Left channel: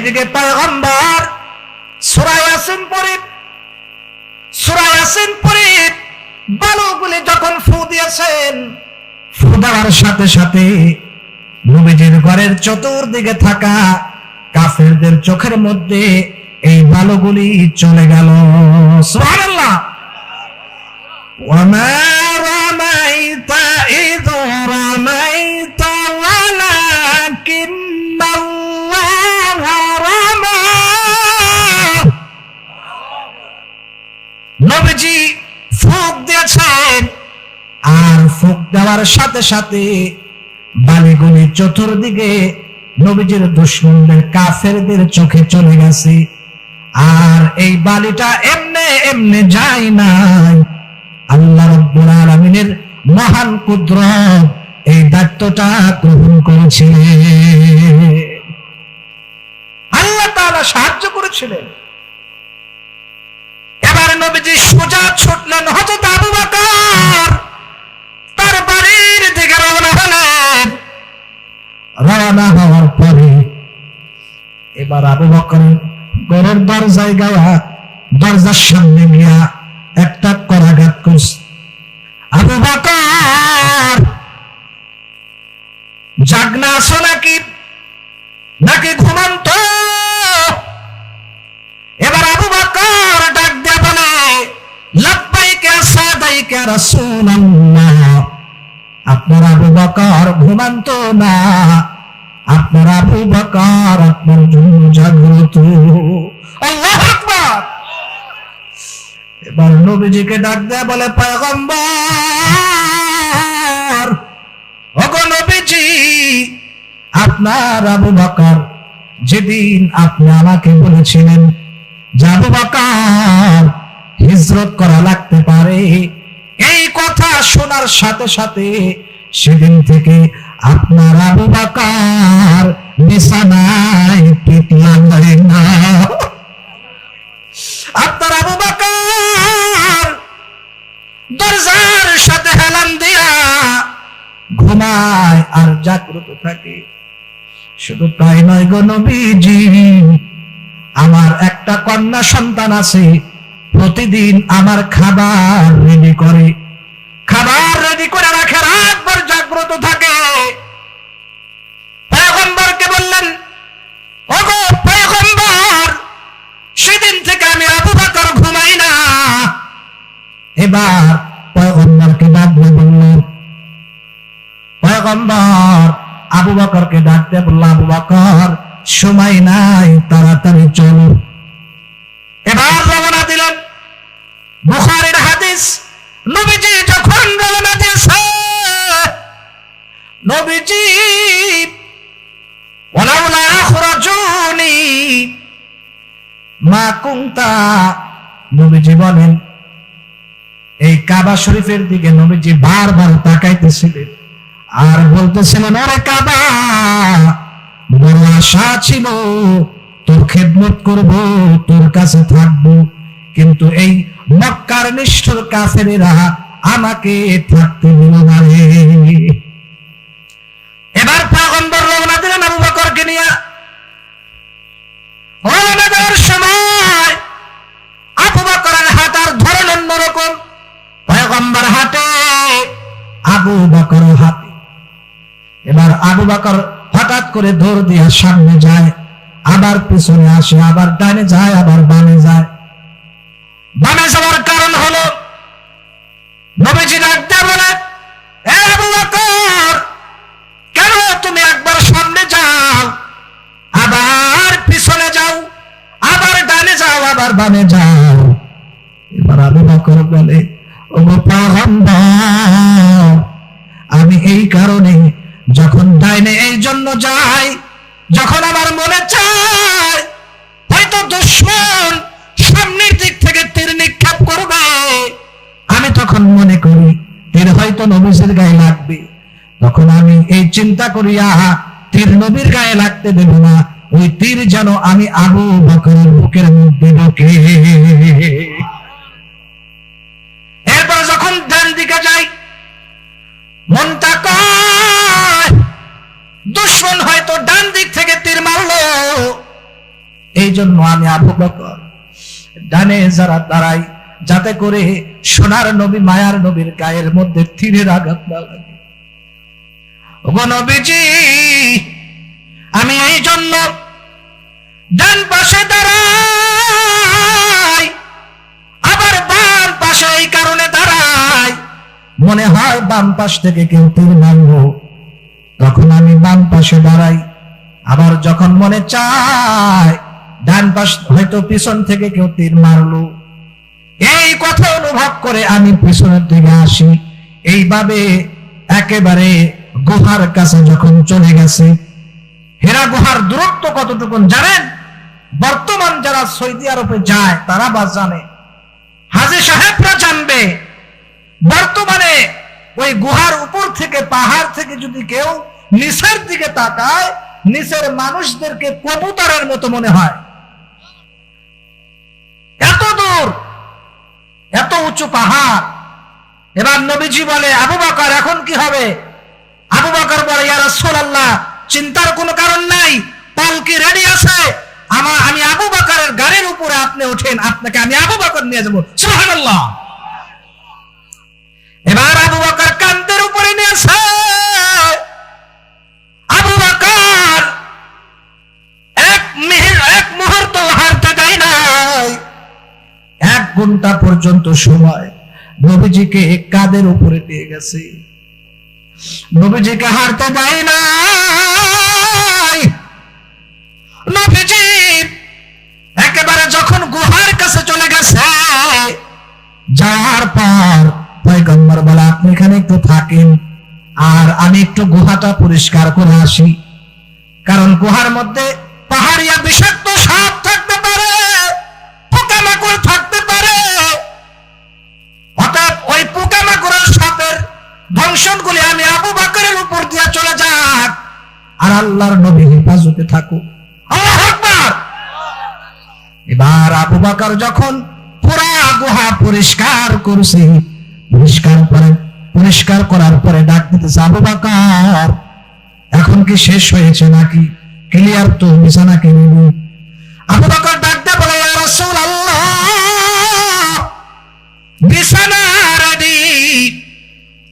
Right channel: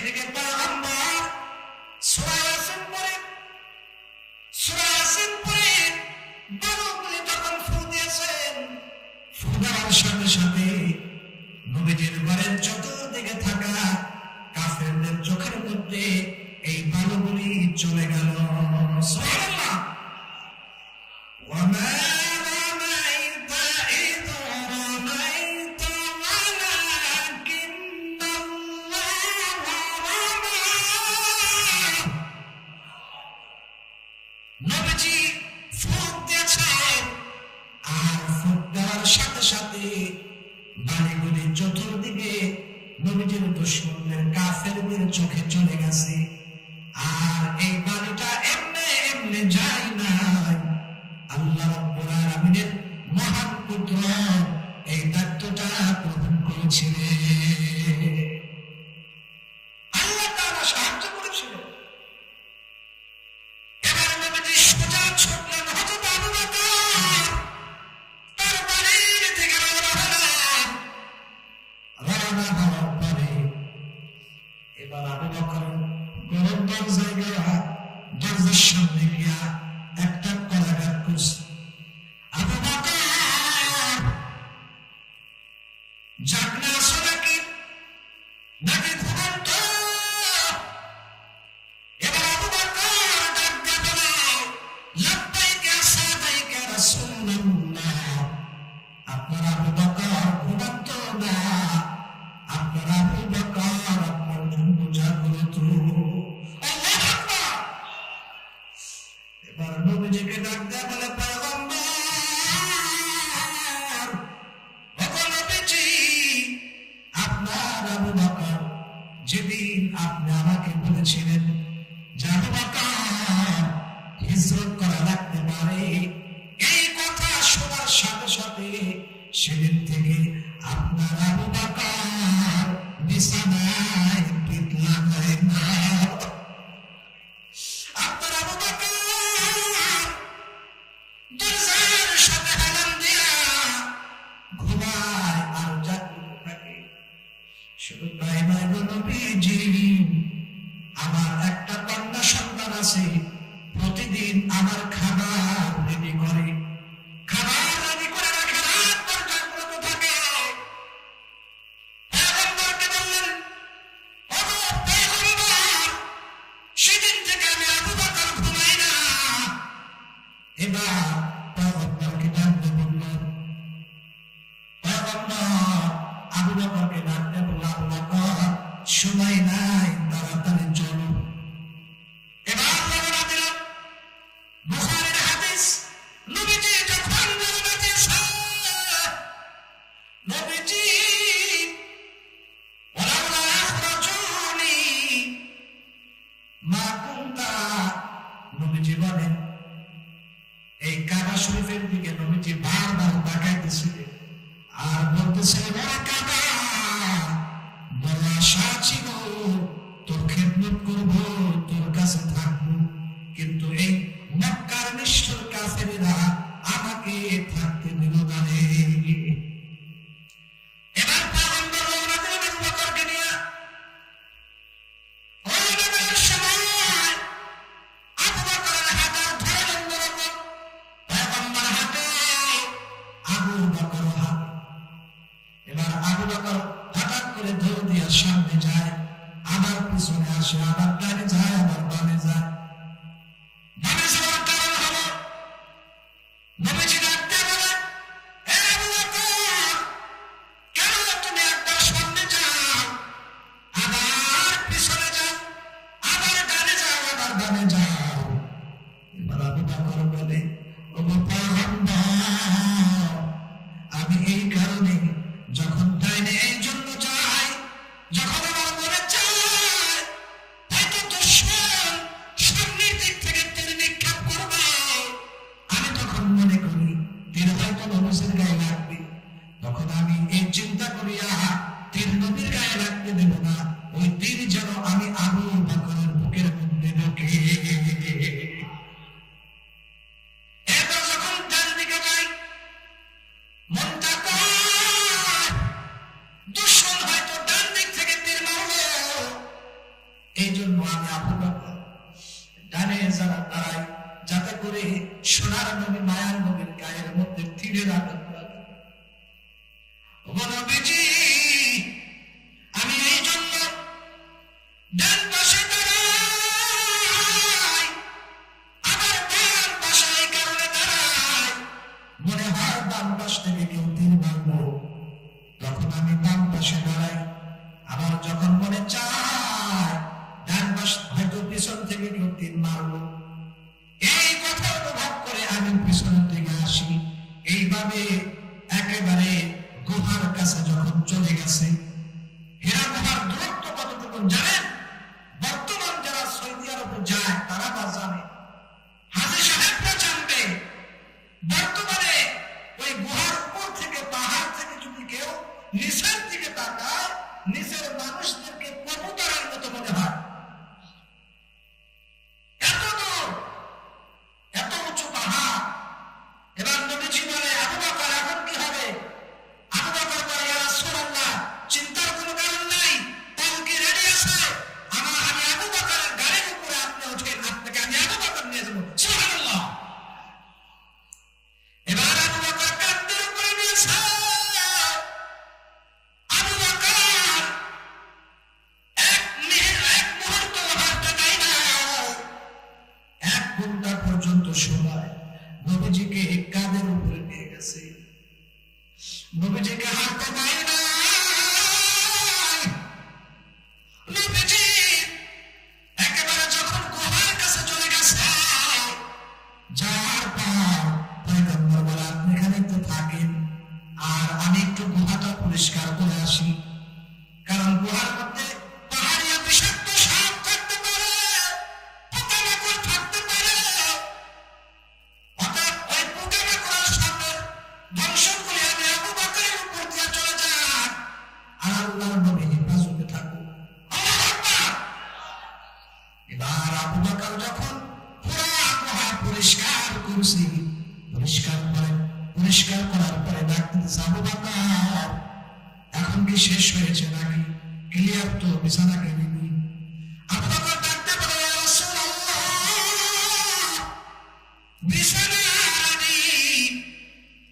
এদিকে পয়গম্বর সূরা ইয়াসিন পড়ে বালুগুলি যখন ফু দিয়েছেন, ফু দেওয়ার সাথে সাথে নবীজির ঘরের চতুর্দিকে থাকা কাফেরদের চোখের মধ্যে এই বালুগুলি চলে গেল। সুবহানাল্লাহ। ওয়ামা রামাইতা ইয রামাইতা ওয়ালাকিন্নাল্লাহা রামা। নবীজি ফুঁক দিয়েছেন, আর ফুঁক দেওয়ার সাথে সাথে বালিগুলি চতুর্দিকে নবীজির দুশমনদের কাফেরদের চোখে চলে গেছে। আর এই বালিটা এমনে এমনে যায় নাই, আল্লাহ রাব্বুল আলামিনের মহান কুদরত এই দায়িত্বটা গ্রহণ করেছিলেন। আল্লাহ তাআলা সাহায্য করেছিলেন। এবার নবীজি সোজা ছুটলেন হযরত আবু বকর তার বাড়ির দিকে রওনা হলেন। রওনা হওয়ার পরে এবার আবু বকর ঘরের দরজায় যাওয়া, দরজার সামনে নিয়ে একটা করাঘাত করছে। আবু বকর জাগনা আছো নাকি ঘুমন্ত? এবার আবু বকর ডাক দিয়ে বলে, লাব্বাইকা সাদাইকা রাসূলুল্লাহ। আপনার আবু বকর ঘুমন্ত না, আপনার আবু বকর আপনার জন্য জাগ্রত। আল্লাহু আকবার। এবার নবীজিকে ডাক দেয়া বলে, পয়গম্বর, ওগো নবীজি, আপনার আবু বকর যেদিন আপনি আমাকে বলেছিলেন যে আবু বকর হিজরত করা লাগতে পারে, এই কথা শোনার সাথে সাথে সেদিন থেকে আপনার আবু বকর বিছানায় পিঠ লাগবে না। আপনার আবু বকর দরজার সাথে হেলান দিয়া ঘুমায় আর জাগ্রত থাকে। শুধু তাই নয় গো নবীজি, আমার একটা কন্যা সন্তান আছে, প্রতিদিন আমার খাবার রেডি করে রাখে, রাতভর জাগ্রত থাকে। পয়গম্বরকে বললেন, ওগো পয়গম্বর, সেদিন থেকে আমি আবু বকর ঘুমাই না। এবার পয়গম্বরকে ডাক দিয়ে বললেন, পয়গম্বর আবু বকরকে ডাক দিয়ে বলল, আবু বকর সময় নাই, তাড়াতাড়ি চলো। এবার রওনা দিলেন। বুখারীর হাদিস, নবীজি যখন রওনা দিয়েছে, নবীজি ওয়ালাউলা আখরাজুনি মা কুনতা, নবীজি বলেন এই কাবা শরীফের দিকে নবীজি বারবার তাকাইতেছিলেন আর বলতেছিলেন, আরে কাবা, বড় আশা ছিল তোর খেদমত করব, তোর কাছে থাকবো, কিন্তু এই মক্কার নিষ্ঠুর কাফেরেরা আমাকে থাকতে দিল না রে। এবার পয়গম্বর রওনা দিলেন আবু বকরকে নিয়ে। রওনা দেওয়ার সময় আবু বকরের হাঁটার ধরন অন্যরকম। পয়গম্বর হাঁটে, আবু বকর হাঁটে। এবার আবু বকর হঠাৎ করে দৌড় দিয়ে সামনে যায়, আবার পিছনে আসে, আবার ডানে যায়, আবার বামে যায়। বামে যাওয়ার কারণ হলো নবীজি ডাক দিয়ে বলে, এ আবু বকর, কেন তুমি একবার সামনে যাও, আবার পিছনে যাও, আবার ডানে যাও, আবার বামে যাও। এবার আবু বকর বলে, ওগো পয়গম্বর, আমি এই কারণে যখন ডাইনে এই জন্য যাই, যখন আমার মনে চায় হয়তো দুশমন সামনের দিক থেকে তীর নিক্ষেপ করবে, আমি তখন মনে করি তীর হয়তো নবীর গায়ে লাগবে, তখন আমি এই চিন্তা করি, আহা, তীর নবীর গায়ে লাগতে দেব না, ওই তীর যেন আমি আবু বকরের বুকের মধ্যে ঢোকে। এরপর যখন ডান দিকে যাই, মনটা কয় দুশমন হয়তো ডান দিক থেকে তীর মারলো, এই জন্য আমি আবু বকর ডানে যারা দাঁড়াই, যাতে করে সোনার নবী মায়ার নবীর গায়ের মধ্যে তীরের আঘাত না লাগে। ওগো নবীজি, আমি এই জন্য ডান পাশে দাঁড়াই, আবার বাম পাশে এই কারণে দাঁড়াই, মনে হয় বাম পাশ থেকে কেউ তীর মারলো, তখন আমি বাম পাশে দাঁড়াই। আবার যখন মনে চায় ডান পাশ হয়তো পিছন থেকে কেউ তীর মারলো, এই কথা অনুভব করে আমি পিছনের দিকে আসি। এইভাবে একেবারে গুহার কাছে যখন চলে গেছে, হেরা গুহার দূরত্ব কতটুকু জানেন? বর্তমান যারা সৌদি আরবে যায় তারা বা জানে, হাজী সাহেবরা জানবে। বর্তমানে ওই গুহার উপর থেকে, পাহাড় থেকে যদি কেউ নিচের দিকে তাকায়, নিচের মানুষদেরকে কবুতরের মতো মনে হয়। এত দূর, এত উঁচু পাহাড়। এবার নবীজি বলে, আবু বকর এখন কি হবে? আবু বকর বলে, ইয়া রাসূলুল্লাহ, চিন্তার কোনো কারণ নাই, পালকি রেডি আছে, আমি আবু বকরের গাড়ির উপরে আপনি ওঠেন, আপনাকে আমি আবু বকর নিয়ে যাবো। সুবহানাল্লাহ। এবার আবু বকর কান্দের উপরে নিয়েছে। আবু বকর এক মুহূর্ত হারতে দেয় নাই। 1 ঘন্টা পর্যন্ত সময় নবীজিকে কাঁধের উপরে নিয়ে গেছে, নবীজিকে হারতে দেয় নাই। নবীজি একেবারে যখন গুহার কাছে চলে গেছে, যাওয়ার পর পয়গম্বর বলে, আপনি এখানে একটু থাকেন, আর আমি একটু গুহাটা পরিষ্কার করে আসি। কারণ গুহার মধ্যে পাহাড়িয়া বিষাক্ত সাপ থাকতে পারে, পোকামাকড় থাকতে পারে। অর্থাৎ ওই পোকামাকড়ের সাপের দংশনগুলি আমি আবু বকরের উপর দিয়ে চলে যাক, আর আল্লাহর নবী হেফাজতে থাকুক। আল্লাহু আকবার। এবার আবু বকর যখন পুরা গুহা পরিষ্কার করছে, পরিষ্কার করার পরে ডাক দিতেছে, আবু বকর এখন কি শেষ হয়েছে নাকি? ক্লিয়ার তো? বিছানা কিনে নি? আবু বকর ডাকতে বলে, ইয়া রাসূলুল্লাহ, বিছানা রেডি।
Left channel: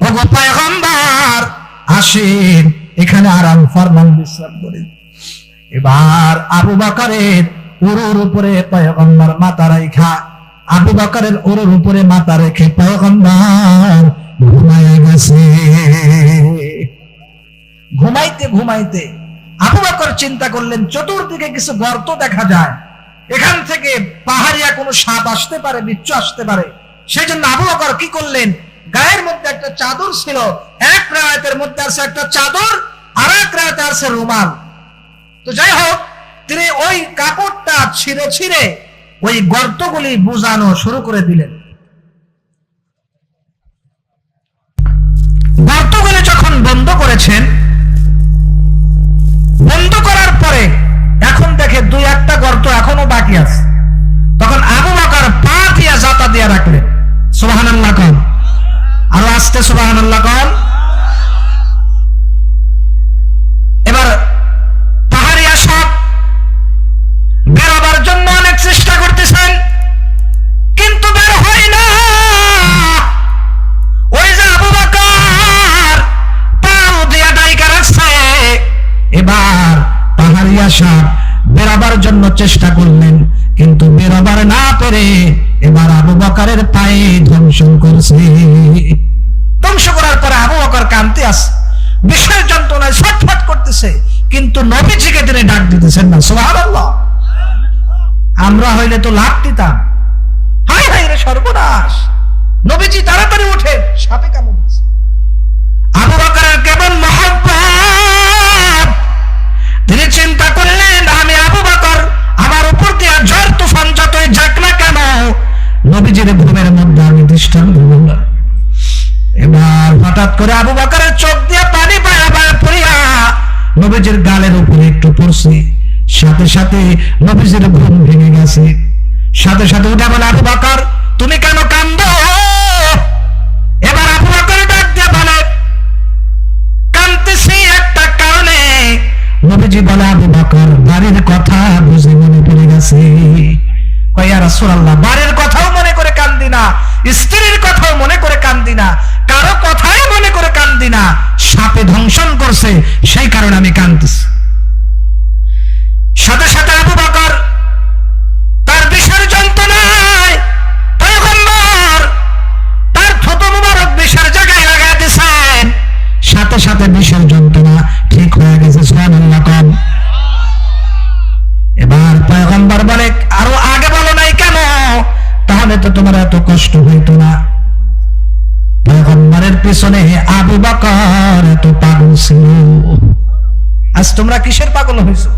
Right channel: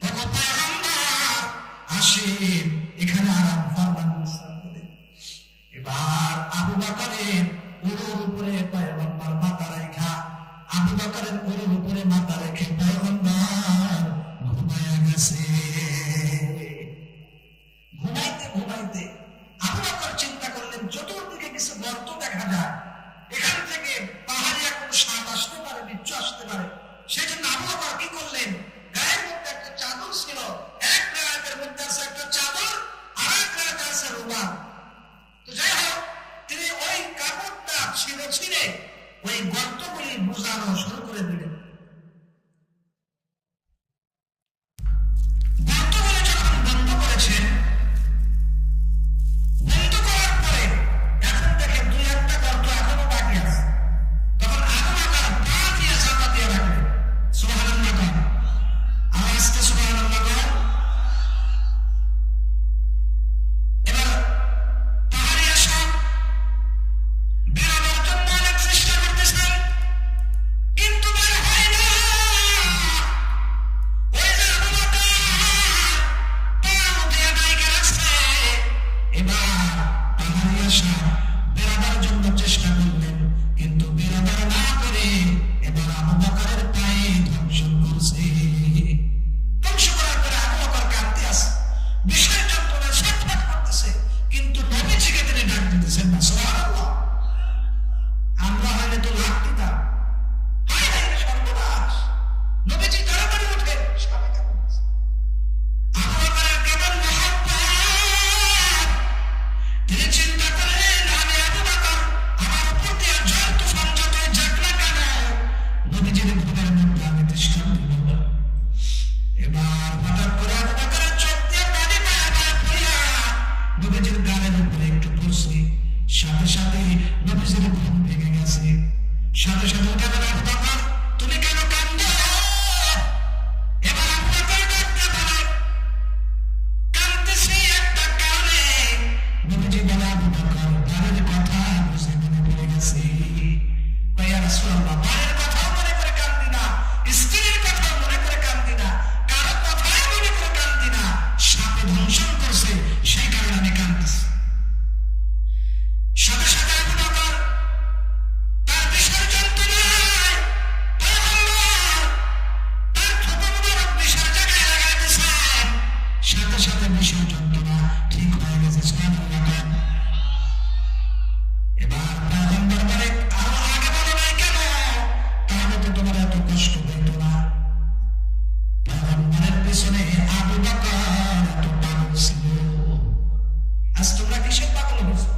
ওগো পয়গম্বর, আসেন এখানে আরাম ফরমান, বিশ্রাম করেন। এবার আবু বকরের উরুর উপরে পয়গম্বর মাথা রাখা, আবু বকরের উরুর উপরে মাথা রেখে পয়গম্বর ঘুমায় গেছে। ঘুমাইতে ঘুমাইতে আবু বকর চিন্তা করলেন, চতুর্দিকে কিছু গর্ত দেখা যায়, এখান থেকে পাহাড়িয়া কোনো সাপ আসতে পারে, বিচ্ছু আসতে পারে। সেই জন্য আবু বকর কি করলেন, গায়ের মধ্যে একটা চাদর ছিল, এক রায়াতের মধ্যে আছে একটা চাদর, আর এক রায়াতে আছে রুমাল। তো যাই হোক, তিনি ওই কাপড়টা ছিঁড়ে ছিঁড়ে ওই গর্তগুলি বুঝানো শুরু করে দিলেন। গর্তগুলি যখন বন্ধ করেছেন, বন্ধ করার পরে এখন দেখে 2-1টা গর্ত এখনো বাকি আছে। তখন আবু বকর পা দিয়া জাতা দিয়া রাখলেন। সুবহানাল্লাহ কন, আরো আস্তে সুবহানাল্লাহ কন। এবার পাহাড়িয়া সাপ বেরোবার জন্য অনেক চেষ্টা করতেছেন, কিন্তু বের হয় না। ওই যে আবু বকর পাও দিয়া ডাইকা রাখছে। এবার পাহাড়িয়া সাপ বেরোবার জন্য চেষ্টা করলেন, কিন্তু বেরোবার না পেরে এবার আবু বকরের পায়ে ধ্বংসন করছে। ধ্বংস করার পরে আবু বকর কাঁদতে আসে, বিষের যন্ত্রণায় ছটফট করতেছে, কিন্তু নবীজিকে তিনি ডাক দিতেছেন না। সুবহানাল্লাহ। আমরা হইলে তো লাভ দিতাম, হায় হায় রে সর্বনাশ, নবীজি তাড়াতাড়ি উঠে, সাপে কামড় দিচ্ছে। আবু বকরের কেমন মহব্বত, তিনি চিন্তা করলেন, আমি আবু বকর, আমার উপর দিয়ে ঝড় তুফান যতই যাক না কেন, নবীজির ঘুমের মধ্যে আমি দৃষ্টান্ত দেব না। এবার হঠাৎ করে আবু বকরের চোখ দিয়ে পানি পায়া পায়া পড়িয়া নবীজির গালের উপরে একটু পড়ছে। সাথে সাথে নবীজির ঘুম ভেঙে গেছে। সাথে সাথে উঠে বলে, আবু বকর তুমি কেন কান্দো? এবার আবু বকর ডাক দিয়ে বলে, কাঁদতেছি একটা কারণে। নবীজি বলে, আবু বকর বাড়ির কথা বুঝে মনে পড়ে গেছে। রাসূলুল্লাহ, বাড়ির কথাও মনে করে কান্দি না, স্ত্রীর কথাও মনে করে কান্দি না, কারো কথাই মনে করে কান্দি না, সাপে ধ্বংসন করছে সেই কারণে আমি কান্দিছি। সাথে সাথে আবু বকর তার বিষের যন্ত্রণায় পয়গম্বর তার থুতু মুবারক বিষের জায়গায় লাগাই দিয়েছেন, সাথে সাথে বিষের যন্ত্রণা ঠিক হয়ে গেছে। সুবহানাল্লাহ কম। এবার পয়গম্বর বলে, আরো আগে বলো নাই কেন, তাহলে তো তোমার এত কষ্ট হইতো না। পয়গম্বরের পিছনে আবু বকর এত পাগল ছিল, আজ তোমরা কিসের পাগল হয়েছো?